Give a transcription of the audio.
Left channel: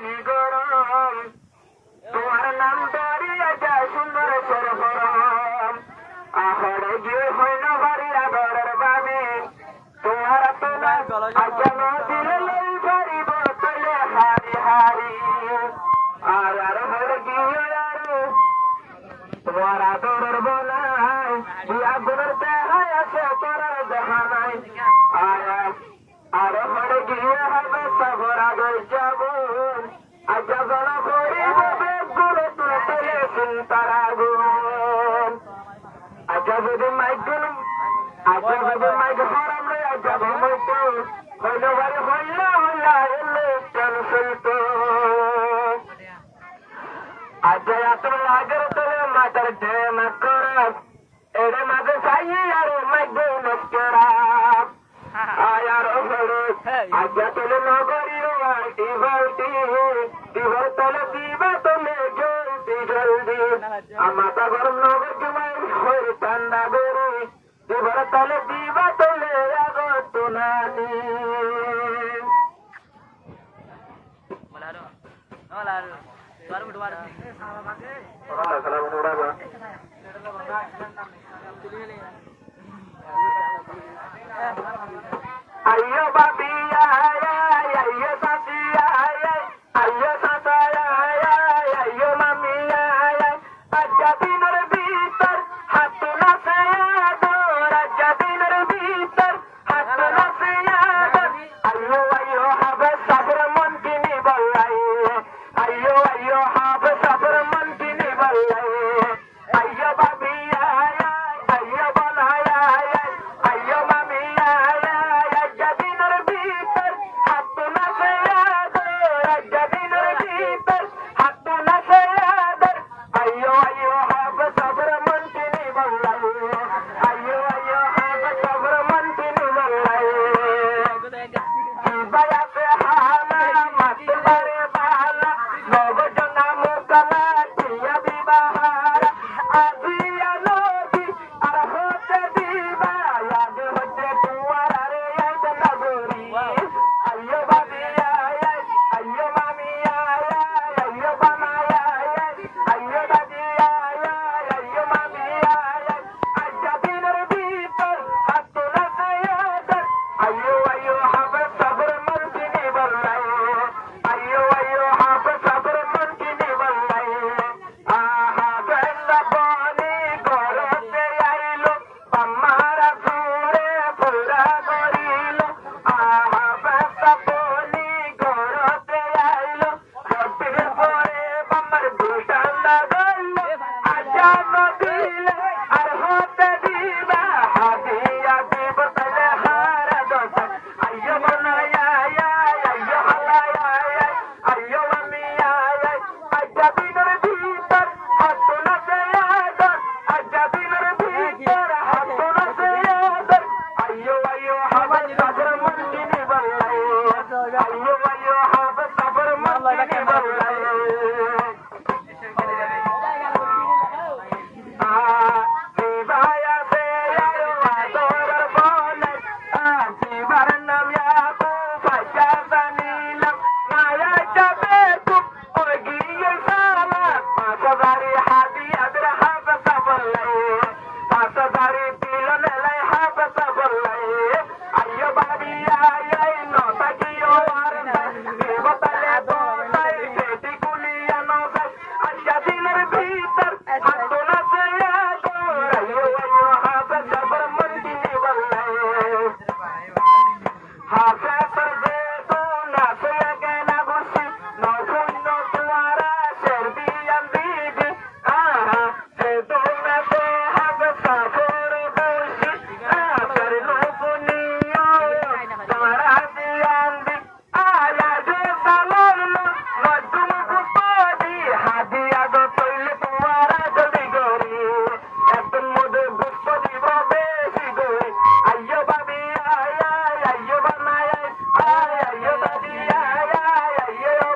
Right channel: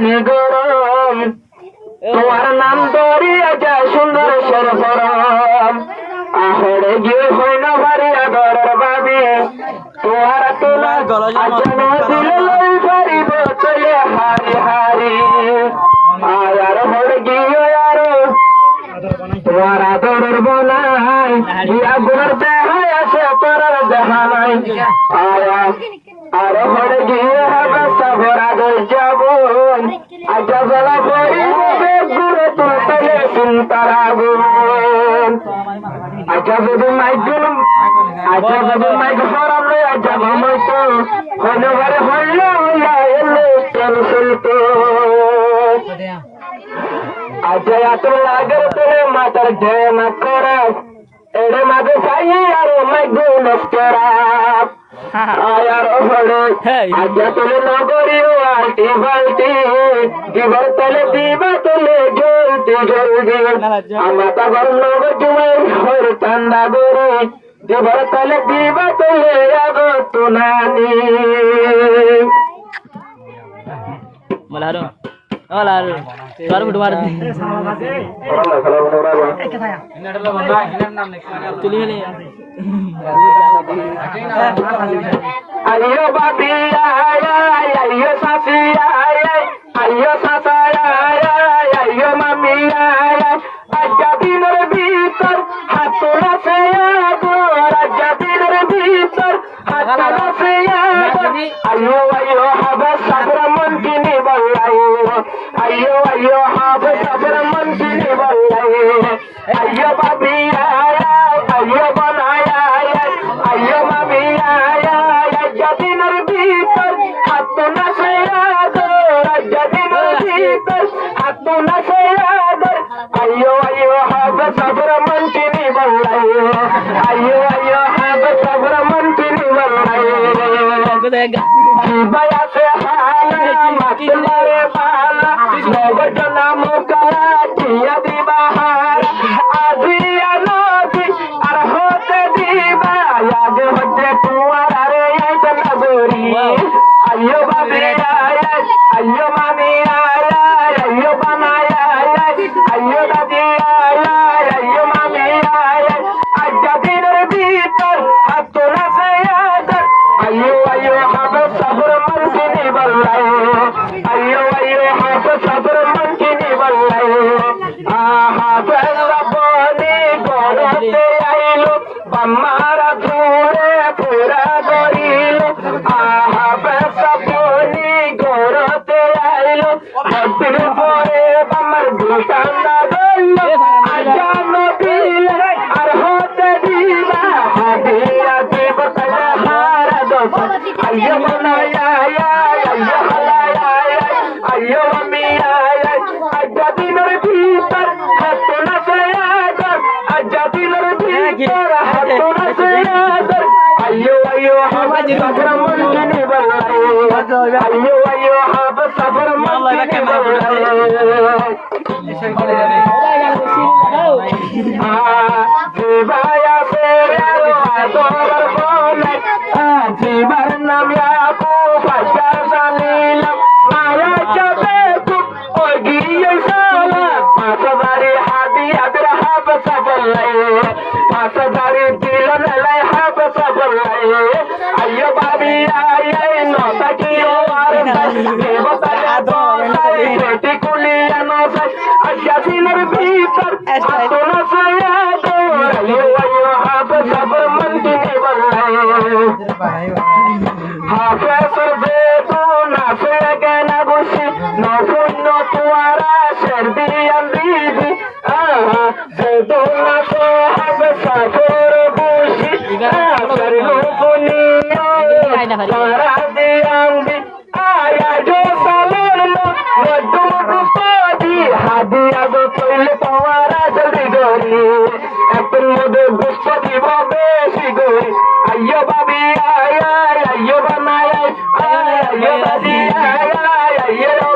পানি গরম তোমার নাম ধরিয়া যায় সুন্দর সরবরম আহরে গিয়ে হয় না ভারী আদরের বাবি তোমার তোলা আজানো দিলে লই পারিব চলে হারি হারি আয়ার হরে গিয়ে আরো তোমার আদরের বনাই বিয়া গুণের দেহায় আছে তোর দেখা নাই আয়া আর হরে গিয়ে হবে সবর আদর যাব আজা জ্বালা পড়িব বেগুড়ে তুলতে চিন্তার আগুন আজা যদি মাইক হরাম রে আজা ভামাই তো হইলে ঘরে হইলে হইয়া এলে টেনশন তো আজা এত লাগের তোলে মাতার ঢেমা করা এড়ে মাঝে চাই আর মাইক নস্করা আয়ার হরে আজা তোলে নগরীয় আলটি বালটি দিবার তলে দিবা তোলে জলদি জলদি আমাতা ঘর নগর জুমাই হরে ঠান্ডা গরে দিবার তলে দিবা তোলে আগো তুনানি মলারো মলারো বারো মিনিট মার তুলি মেলে আইয়ো বাবি আইয়ো সাফি আইয়ো সাসা আইয়ো মামি আজ্জা দিনের ভিতর হাত নাচে আজ্জা দিনের ভিতর হাত নাচে আইয়ো আইয়ো হবে সাবর মন কিনি বলাই আইয়ো আইয়ো হবে সাবর মন কিনি বলাই আইয়ো বাবি আইয়ো বানায়া আইয়ো মামি আজ্জা দিনের ভিতর হাত নাচে আজ্জা দিনের ভিতর হাত নাচে আইয়ো আইয়ো হবে সাবর মন কিনি বলাই আইয়ো আইয়ো হবে সাবর মন কিনি বলাই জীবাই আছে হালা মাতলারে বালা নবজনা মুকালা টিয়া দিবা হারা আজিয়া নদী আর হতে দিবা আগে হতে তোমার আরে আইতা না গরি আইয়ো বাবি আইয়ো মামি আইয়ো বানায় আইয়ো দাদি আইয়ো মামি আজ্জা দিনের ভিতর হাত নাচে আইয়ো আইয়ো হবে সাবর মন কিনি বলাই আইয়ো আইয়ো হবে সাবর মন কিনি বলাই আহা বেলা বনি গড়তে আইলো বাম্মারা ঘুরে পুরা গরিল আহা বেলা বনি গড়তে আইলো ভক্তির পরে বাম্মার দুটান্ডা গইল আজা নদিলে আর হতে দিবা হাদিয়া দিব তালে হারা দোষ আইয়ো বানায়া আইয়ো হালায়া আইয়ো মামি আজ্জা দিনের ভিতর হাত নাচে আজ্জা দিনের ভিতর হাত নাচে আইয়ো আইয়ো হবে সাবর মন কিনি বলাই আইয়ো আইয়ো হবে সাবর মন কিনি বলাই জীবায়া ফেরার আদর বলে জীবার নাম ইয়াকু ফাজা জালিলাম মায়া যাবে খুব ওই গিয়ে সালা পাঁচবারি হাদি আদর হাব সাবলাই পাঁচবারি দিলন লাই হাব সাবলাই আইয়ো বাবি আই নতা কিও আর দেবতা দোলাই বেটি কুলিয়া নসাই আজ্জা দিনের ভিতর হাত নাচে আইয়ো আইয়ো হবে সাবর মন কিনি বলাই হাফেজর বেতু নাচে গানা বসি নশূন্য তুয়ারা সেরবিয়ান দিদি বেতু নাচে হবে সাফের বসি সাফের লোকনিয়া তারা দিয়াঙ্গি আয়া জো সালার মধুম গুপাদি হাদিয়া গো কইলে তোমারা জলদি গরি এখন মধু গুস্ত দিব বেশি গরি আইয়ো বাবি আইয়ো বানায় আইয়ো দাদি আইয়ো